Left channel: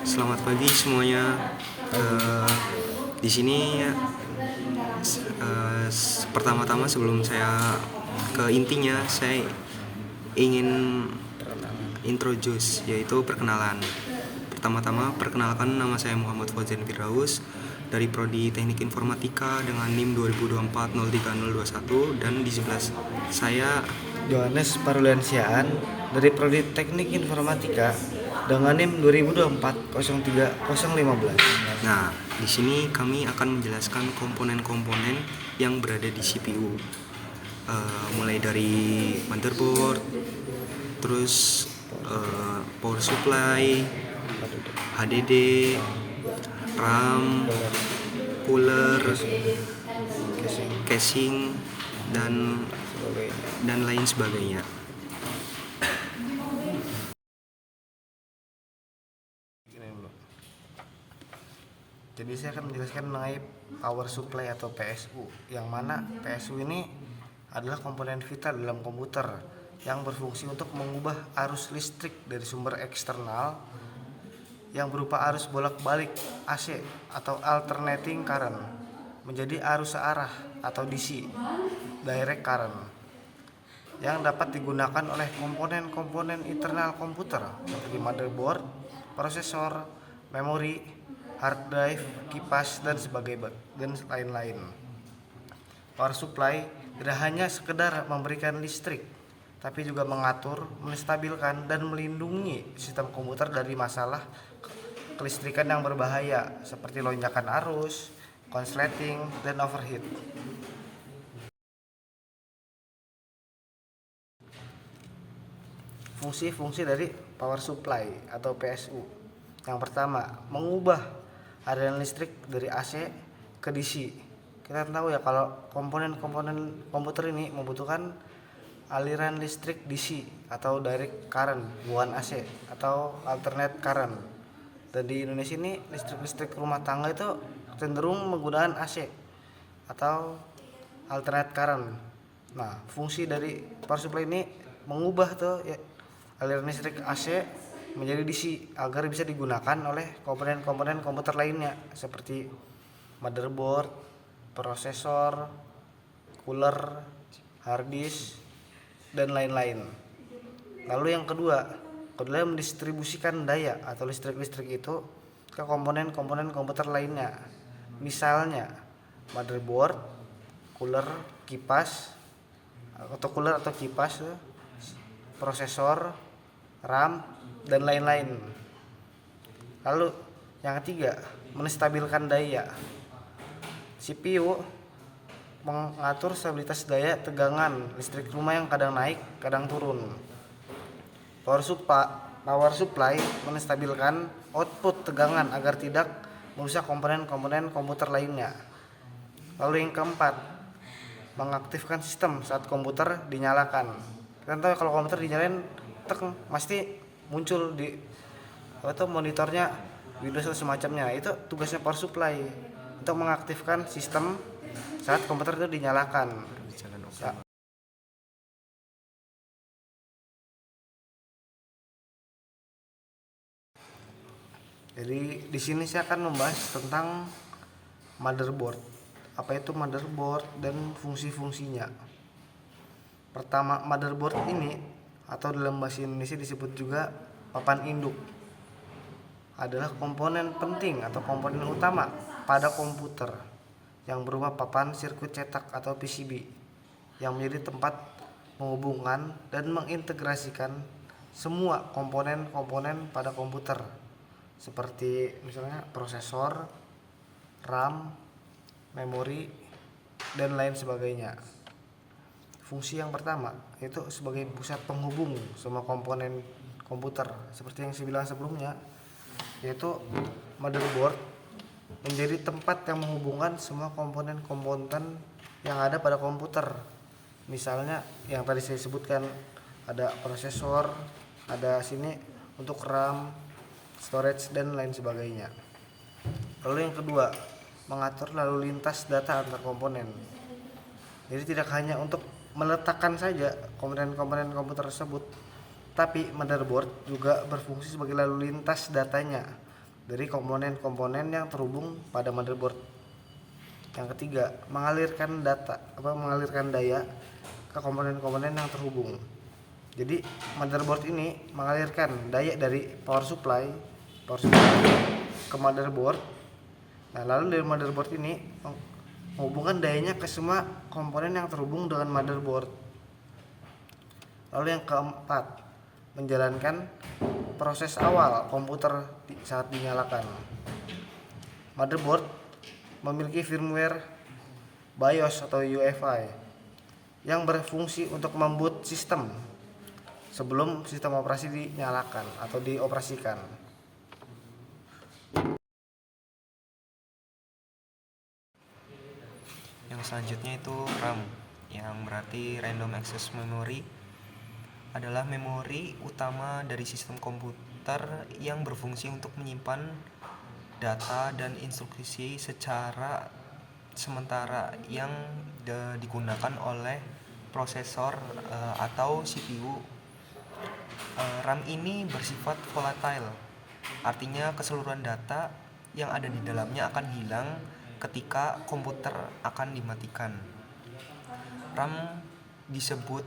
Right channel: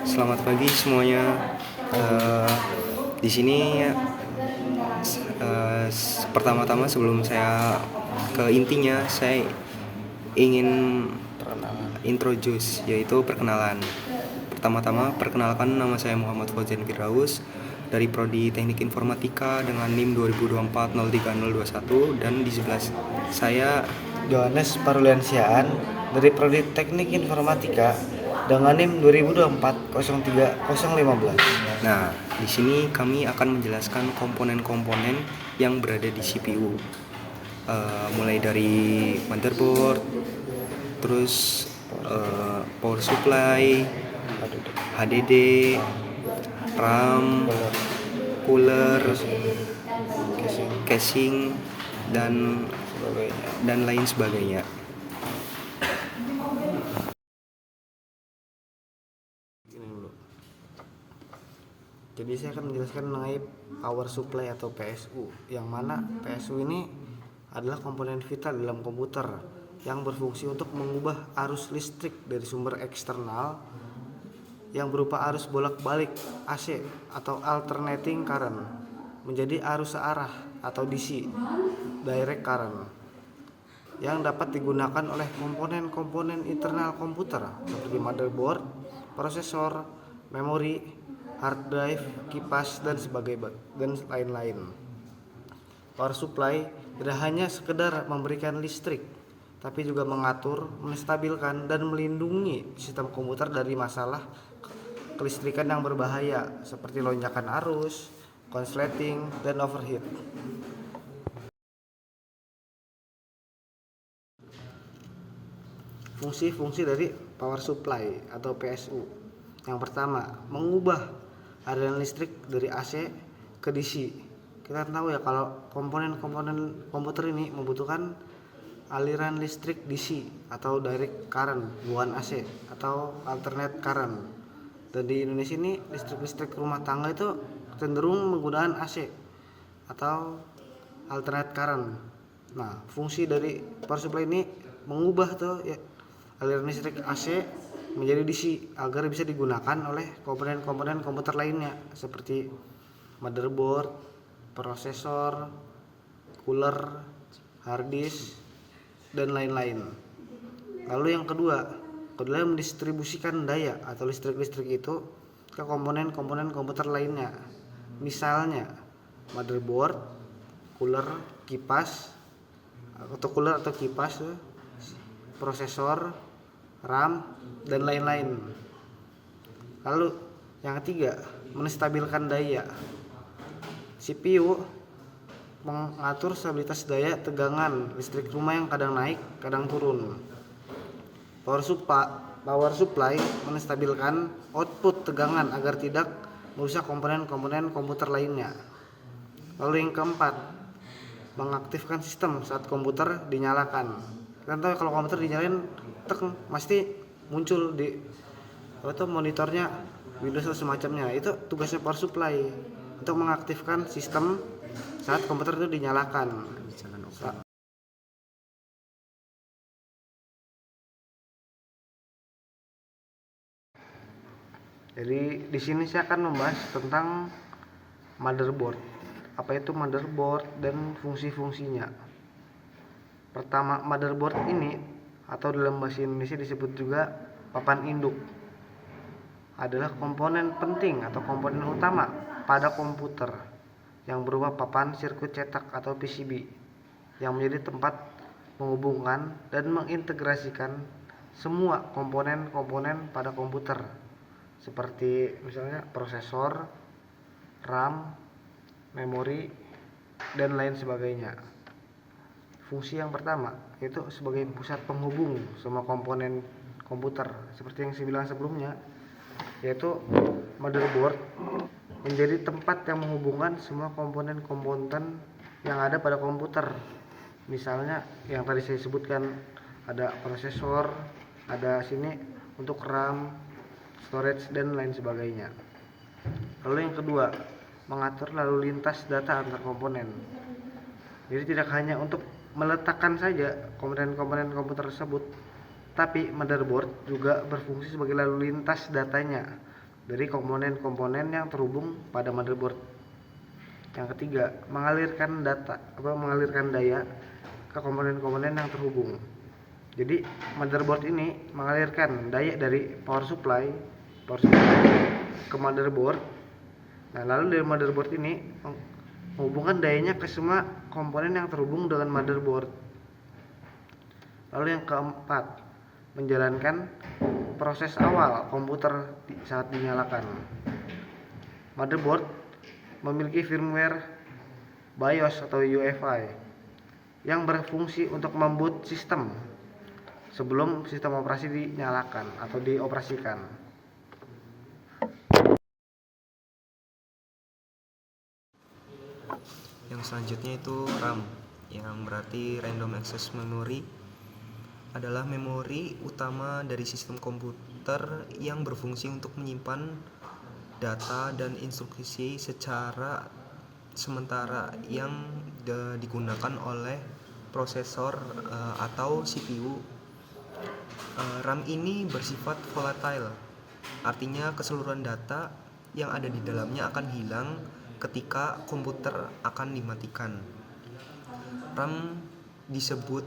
Selamat pagi semuanya. Eh, di sini pertama-tama sebelum saya ke intinya, saya ingin introduce, yaitu perkenalan. Pertama-tama, perkenalkan, nama saya Muhammad Fauzan Firdaus dari Prodi Teknik Informatika dengan NIM 2024-03021, dan di sebelah saya Johannes Paruliansiaan dari Prodi Teknik Informatika dengan NIM 2024-03015. Nah, di sini kami akan menjelaskan komponen-komponen yang berada di CPU. Mulai dari motherboard, terus power supply, HDD, RAM, cooler, casing, dan lain sebagainya. Jadi saya akan menjelaskan mengenai power supply atau PSU, yang mana PSU ini adalah komponen vital dalam komputer yang berfungsi untuk mengubah arus listrik dari sumber eksternal yang berupa arus bolak-balik AC atau alternating current menjadi arus searah atau DC, direct current, yang dapat digunakan oleh komponen-komponen internal komputer seperti motherboard, prosesor, memori, hard drive, kipas, dan sebagainya, dan lain-lain. Power supply tidak hanya sekedar memberikan listrik, tapi juga mengatur, menstabilkan, dan melindungi sistem komputer dari masalah kelistrikan yang berbahaya seperti lonjakan arus, konsleting, dan overheat. Fungsi-fungsi dari power supply atau PSU. Yang pertama, mengubah aliran listrik dari AC ke DC. Kita tahu ya kalau komponen-komponen komputer ini membutuhkan aliran listrik DC atau direct current, bukan AC atau alternate current. Dan di Indonesia ini listrik rumah tangga itu cenderung menggunakan AC atau alternate current. Nah, fungsi dari power supply ini mengubah tuh ya, aliran listrik AC menjadi DC agar bisa digunakan oleh komponen-komponen komputer lainnya seperti motherboard, prosesor, cooler, hard disk, dan lain-lain. Lalu yang kedua adalah mendistribusikan daya atau listrik itu ke komponen-komponen komputer lainnya. Misalnya motherboard, cooler, kipas atau kipas, prosesor, RAM, dan lain-lain. Lalu yang ketiga, menstabilkan daya. CPU mengatur stabilitas daya tegangan listrik rumah yang kadang naik, kadang turun. Power supply menstabilkan output tegangan agar tidak merusak komponen-komponen komputer lainnya. Lalu yang keempat, mengaktifkan sistem saat komputer dinyalakan. Kan tahu kalau komputer dinyalain pasti muncul di monitornya Windows atau semacamnya. Itu tugasnya power supply untuk mengaktifkan sistem saat komputer itu dinyalakan. Jadi di sini saya akan membahas tentang motherboard. Apa itu motherboard dan fungsi-fungsinya. Pertama, motherboard ini atau dalam bahasa Indonesia disebut juga papan induk adalah komponen penting atau komponen utama pada komputer yang berupa papan sirkuit cetak atau PCB yang menjadi tempat menghubungkan dan mengintegrasikan semua komponen-komponen pada komputer seperti misalnya prosesor, RAM, memori, dan lain sebagainya. Fungsi yang pertama yaitu sebagai pusat penghubung semua komponen komputer seperti yang saya bilang sebelumnya, yaitu motherboard menjadi tempat yang menghubungkan semua komponen-komponen yang ada pada komputer. Misalnya yang tadi saya sebutkan, ada prosesor, ada sini untuk RAM, storage, dan lain sebagainya. Lalu yang kedua, mengatur lalu lintas data antar komponen. Jadi tidak hanya untuk meletakkan saja komponen-komponen komputer tersebut, tapi motherboard juga berfungsi sebagai lalu lintas datanya dari komponen-komponen yang terhubung pada motherboard. Yang ketiga, mengalirkan daya ke komponen-komponen yang terhubung. Jadi motherboard ini mengalirkan daya dari power supply ke motherboard. Nah, lalu dari motherboard ini menghubungkan dayanya ke semua komponen yang terhubung dengan motherboard. Lalu yang keempat, menjalankan proses awal komputer saat dinyalakan. Motherboard memiliki firmware BIOS atau UEFI yang berfungsi untuk memboot sistem sebelum sistem operasi dinyalakan atau dioperasikan. Yang selanjutnya itu RAM, yang berarti Random Access Memory, adalah memori utama dari sistem komputer yang berfungsi untuk menyimpan data dan instruksi secara sementara yang digunakan oleh prosesor atau CPU. RAM ini bersifat volatile, artinya keseluruhan data yang ada di dalamnya akan hilang ketika komputer akan dimatikan. RAM disebut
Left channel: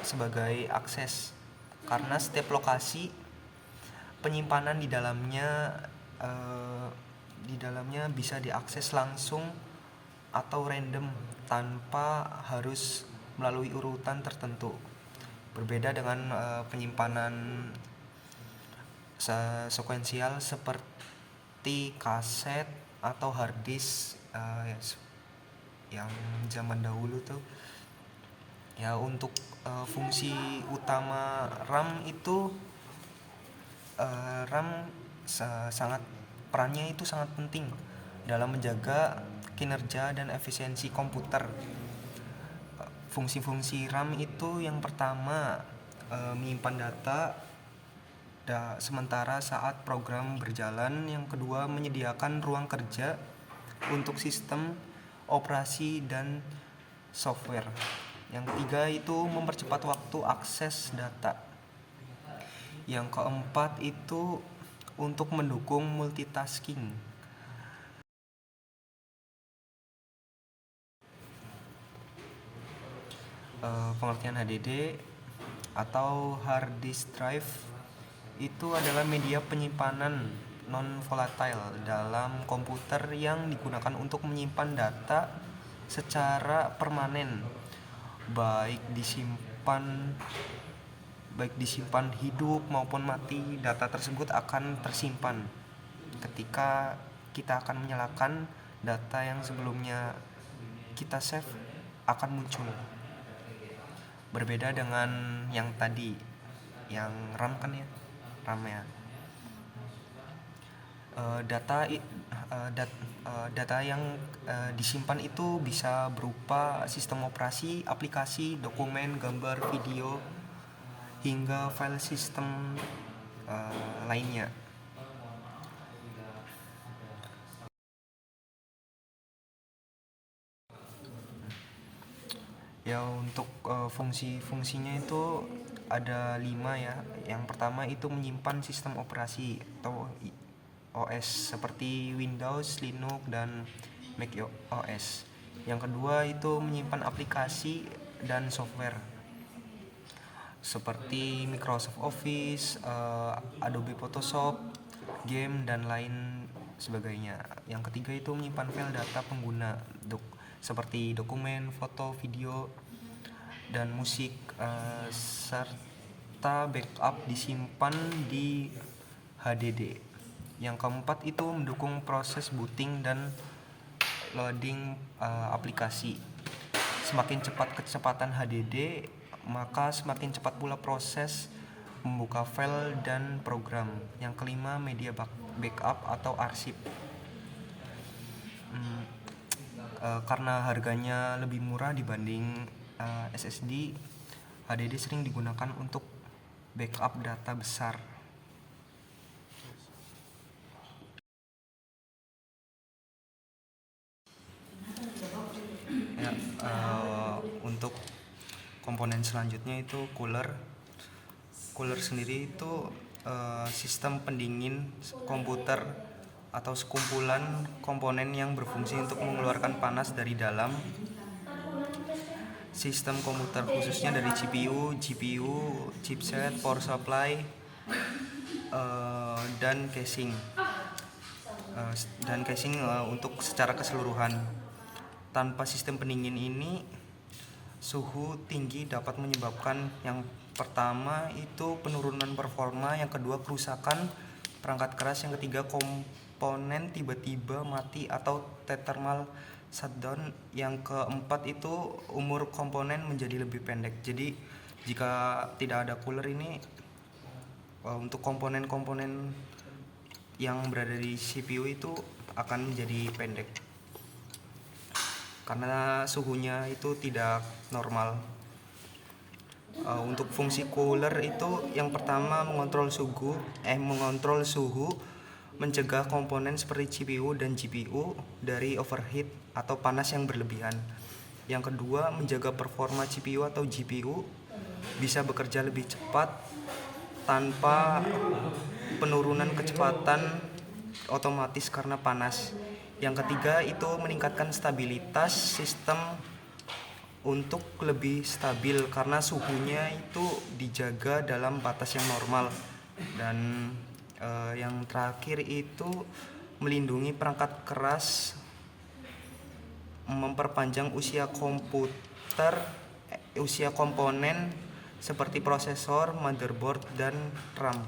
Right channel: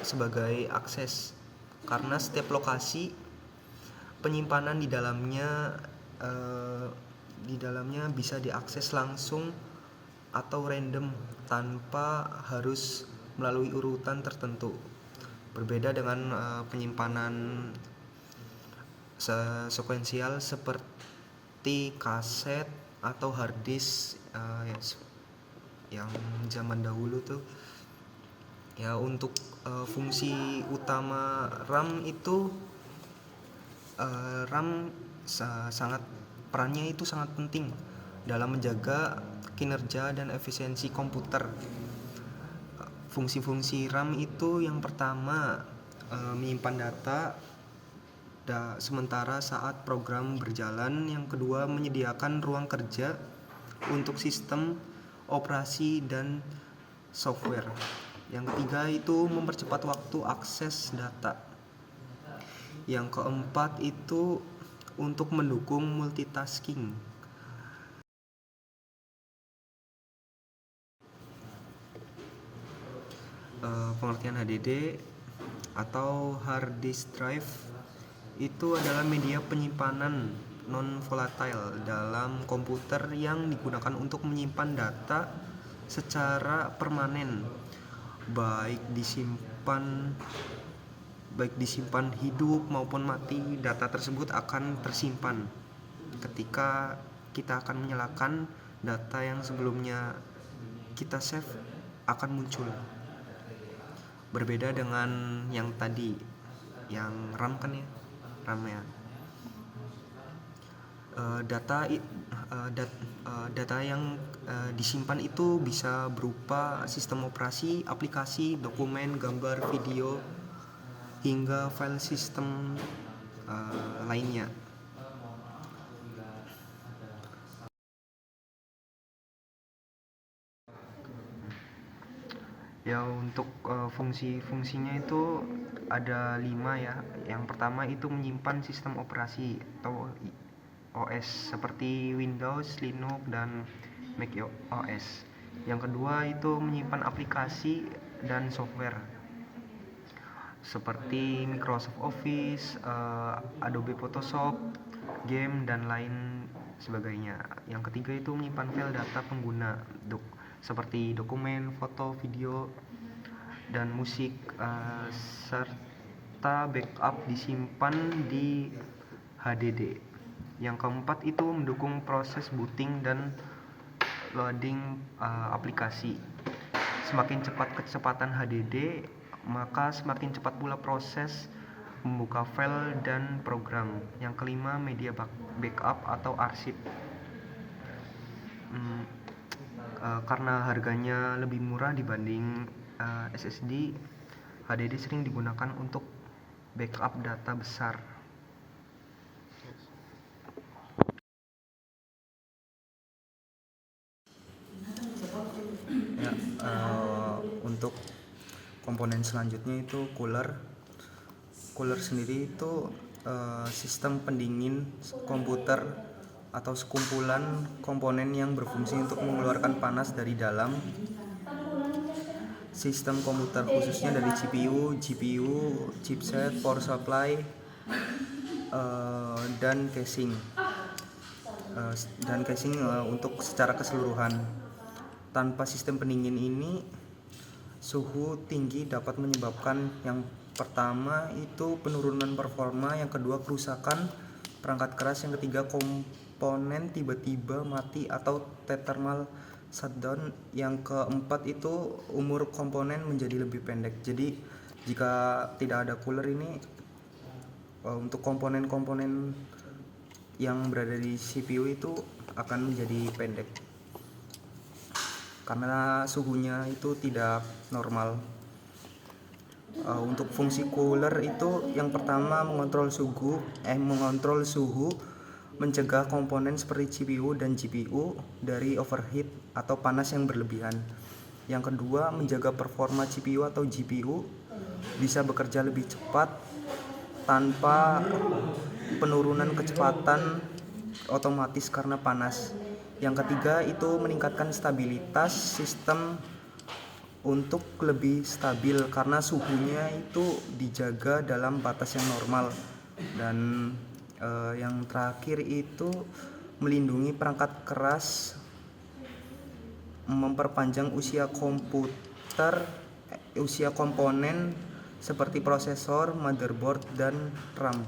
sebagai akses karena setiap lokasi penyimpanan di dalamnya bisa diakses langsung atau random tanpa harus melalui urutan tertentu. Berbeda dengan penyimpanan sekuensial seperti kaset atau hard disk yang zaman dahulu tuh. Ya, untuk fungsi utama RAM itu perannya itu sangat penting dalam menjaga kinerja dan efisiensi komputer. Fungsi-fungsi RAM itu yang pertama, menyimpan data sementara saat program berjalan. Yang kedua, menyediakan ruang kerja untuk sistem operasi dan software. Yang ketiga itu mempercepat waktu akses data. Yang keempat itu untuk mendukung multitasking. Pengertian HDD atau hard disk drive itu adalah media penyimpanan non volatile dalam komputer yang digunakan untuk menyimpan data secara permanen, baik disimpan hidup maupun mati. Data tersebut akan tersimpan ketika kita akan menyalakan. Data yang sebelumnya kita save akan muncul. Berbeda dengan yang tadi, yang RAM kan ya, RAM ya. Data yang disimpan itu bisa berupa sistem operasi, aplikasi, dokumen, gambar, video, hingga file sistem lainnya. Ya, untuk fungsi-fungsinya itu ada 5 ya. Yang pertama itu menyimpan sistem operasi atau OS seperti Windows, Linux, dan Mac OS. Yang kedua itu menyimpan aplikasi dan software seperti Microsoft Office, Adobe Photoshop, game, dan lain sebagainya. Yang ketiga itu menyimpan file data pengguna seperti dokumen, foto, video, dan musik, serta backup disimpan di HDD. Yang keempat itu mendukung proses booting dan loading aplikasi. Semakin cepat kecepatan HDD, maka semakin cepat pula proses membuka file dan program. Yang kelima, media backup atau arsip. Karena harganya lebih murah dibanding SSD, HDD sering digunakan untuk backup data besar. Untuk komponen selanjutnya itu cooler. Cooler sendiri itu sistem pendingin komputer atau sekumpulan komponen yang berfungsi untuk mengeluarkan panas dari dalam sistem komputer, khususnya dari GPU, chipset, power supply, dan casing untuk secara keseluruhan. Tanpa sistem pendingin ini, suhu tinggi dapat menyebabkan yang pertama itu penurunan performa, yang kedua kerusakan perangkat keras, yang ketiga komponen tiba-tiba mati atau thermal shutdown, yang keempat itu umur komponen menjadi lebih pendek. Jadi jika tidak ada cooler ini, untuk komponen-komponen yang berada di CPU itu akan menjadi pendek karena suhunya itu tidak normal. Untuk fungsi cooler itu yang pertama mengontrol suhu, mencegah komponen seperti CPU dan GPU dari overheat atau panas yang berlebihan. Yang kedua, menjaga performa CPU atau GPU bisa bekerja lebih cepat tanpa penurunan kecepatan otomatis karena panas. Yang ketiga itu meningkatkan stabilitas sistem untuk lebih stabil karena suhunya itu dijaga dalam batas yang normal. Dan yang terakhir itu melindungi perangkat keras, memperpanjang usia komponen seperti prosesor, motherboard, dan RAM.